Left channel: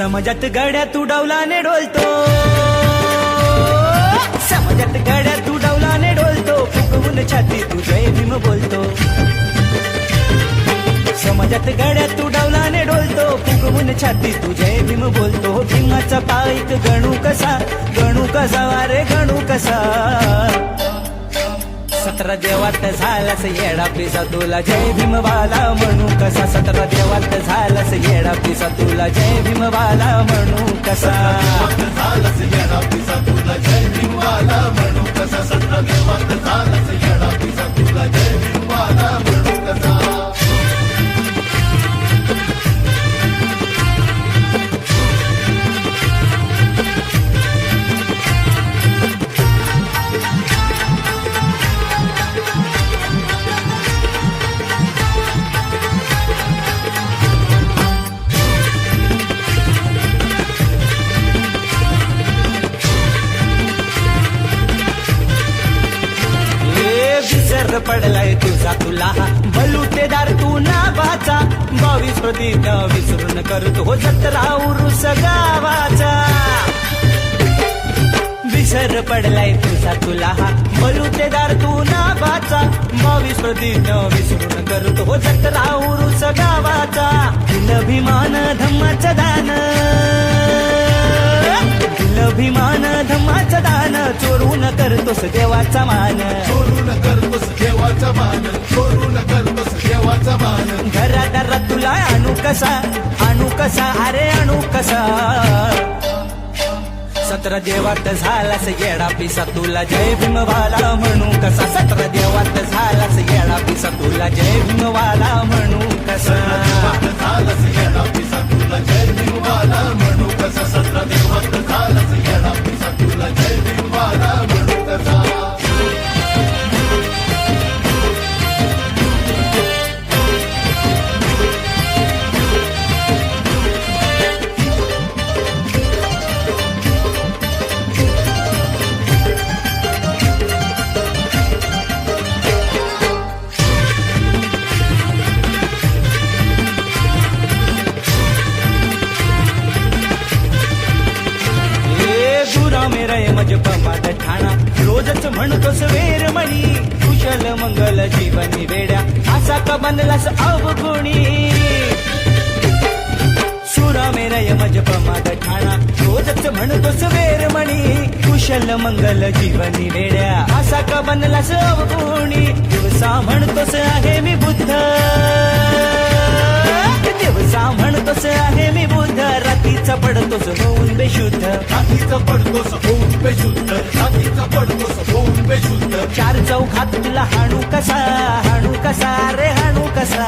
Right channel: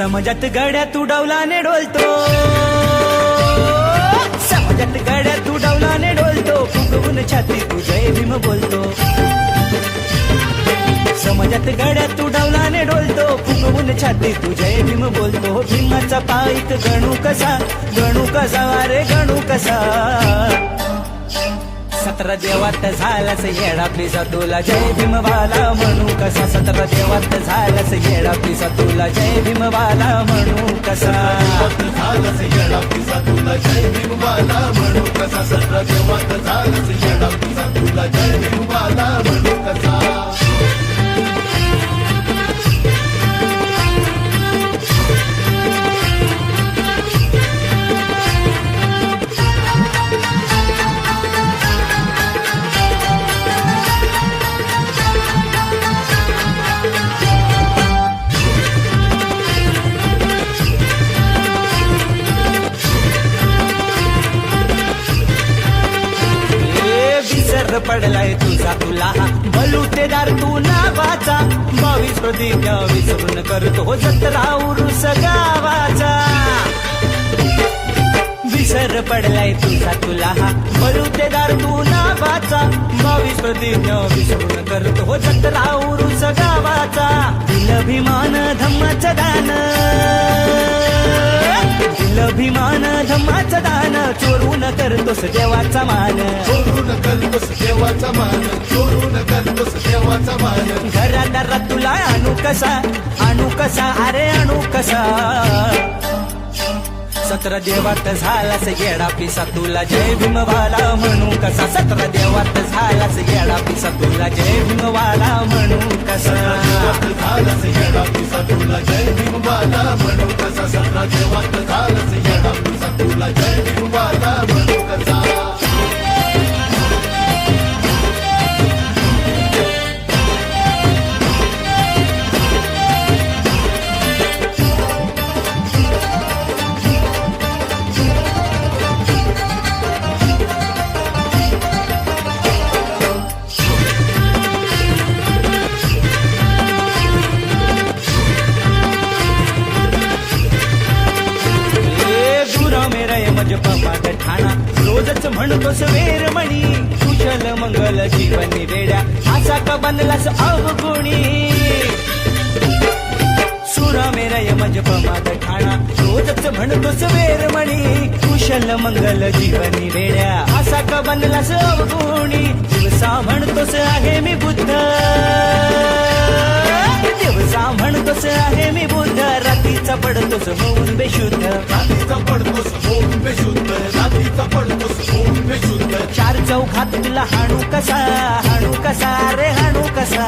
समाजात गड्या तू डौलाने डोलतो, समाजात गड्या तू डौलाने डोलतो, फुगवून छाती तू जय भीम बोलतो. समाजात गड्या तू डौलाने डोलतो, फुगवून छाती तू जय भीम बोलतो. भीमाचा पाईक गणू कसा, गणू कसा रे गणू कसा. 17 देवात झालास येडा पिसा, तुला जय भीमवाला म्हणू कसा. 17 देवात झालास येडा पिसा, तुला जय भीमवाला म्हणू कसा. झालास येडा पिसा, तुला जय भीमवाला म्हणू कसा. 17 देवात झालास येडा पिसा, तुला जय भीमवाला म्हणू कसा. विसर पडलाय तुझा तुला बलुतेदार तू नावाचा. 22 प्रतिज्ञा विसरून करतो हो जत्रा उरुस गावाचा. विसर पडलाय तुझा तुला बलुतेदार तू नावाचा. 22 प्रतिज्ञा विसरून करतो हो जत्रा उरुस गावाचा. दिल भीमान धम्माचं दान, दिल भीमान धम्माचं दान, चोरून करतोस देवाचा मान. चोरून करतोस देवाचा मान, चोरून करतोस देवाचा मान. घरादारात तुला आणू कसा, आणू कसा अरे आणू कसा. 17 देवात झालास येडा पिसा, तुला जय भीमवाला म्हणू कसा. 17 देवात झालास येडा पिसा, तुला जय भीमवाला म्हणू कसा. झालास येडा पिसा, तुला जय भीमवाला म्हणू कसा. 17 देवात झालास येडा पिसा, तुला जय भीमवाला म्हणू कसा. मेरा मजप मात ठाणा, रोजच म्हणतोस वेरमणी. कुशल मंगल जीवनी वेड्या, असा का बनलास अवगुणी. सुरा मेरा मजप मात ठाणा, रोजच म्हणतोस वेरमणी. कुशल मंगल जीवनी वेड्या, असा का बनलास अवगुणी. दिवसा म्हणतोस आहे मी बुद्ध, दिवसा म्हणतोस आहे मी बुद्ध. रात्रीचा पडतोस होऊन बेशुद्ध, रात्रीचा पडतोस होऊन बेशुद्ध, रात्रीचा पडतोस होऊन बेशुद्ध. 4 चौघात तुला हाणू कसा, हाणू कसा रे हाणू कसा.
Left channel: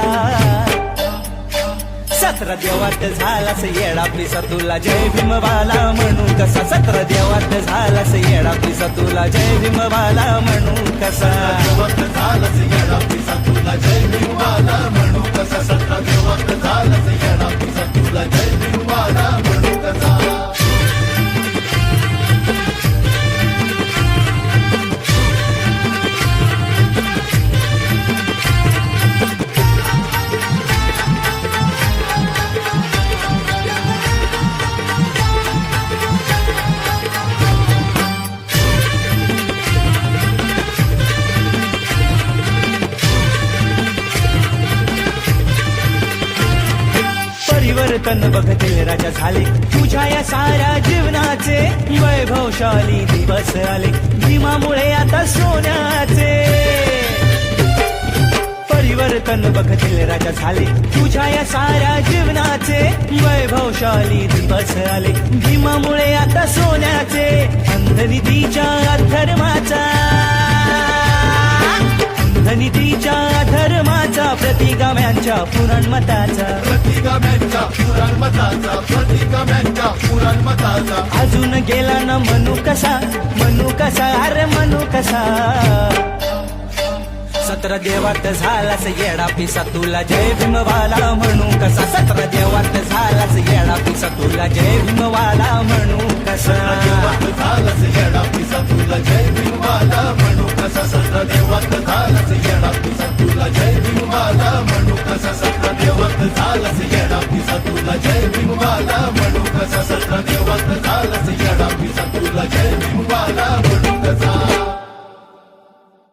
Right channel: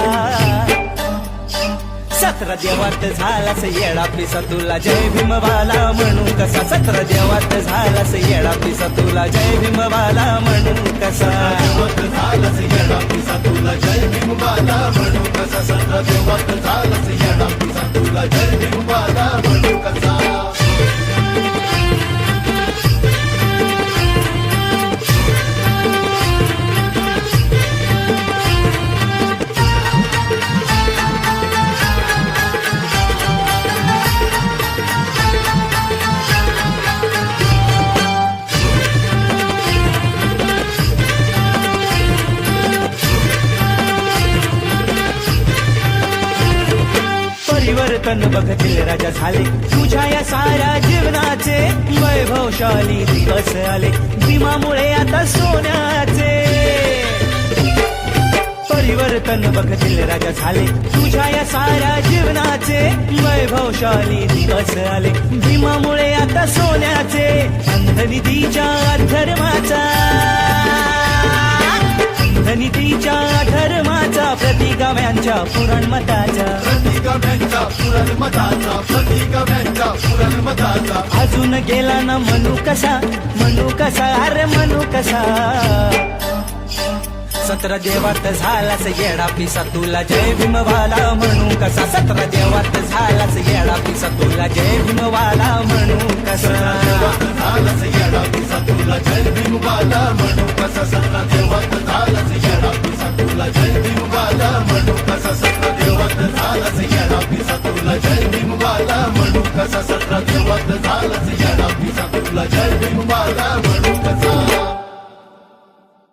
17 देवात झालास येडा पिसा, तुला जय भीमवाला म्हणू कसा. 17 देवात झालास येडा पिसा, तुला जय भीमवाला म्हणू कसा. झालास येडा पिसा, तुला जय भीमवाला म्हणू कसा. 17 देवात झालास येडा पिसा, तुला जय भीमवाला म्हणू कसा. परिवर्तन बघतील राजा झाले, तुझ्या या साऱ्या जीवनाचे. वैभवशाली दिवस आले, भीमामुळे आता सोन्याचे. परिवर्तन बघतील राजा झाले, तुझ्या या साऱ्या जीवनाचे. वैभवशाली दिवस आले, भीमामुळे आता सोन्याचे. अंधनीतीच्या अधर्माचा, अंधनीतीच्या धर्माचा, प्रतिगाम्यांच्या पुराणमताचा, प्रतिगाम्यांच्या पुराणमताचा, प्रतिगाम्यांच्या पुराणमताचा. अजून गेला ना म्हणू कसा, म्हणू कसा अरे म्हणू कसा. 17 देवात झालास येडा पिसा, तुला जय भीमवाला म्हणू कसा. 17 देवात झालास येडा पिसा, तुला जय भीमवाला म्हणू कसा. झालास येडा पिसा, तुला जय भीमवाला म्हणू कसा. 17 देवात झालास येडा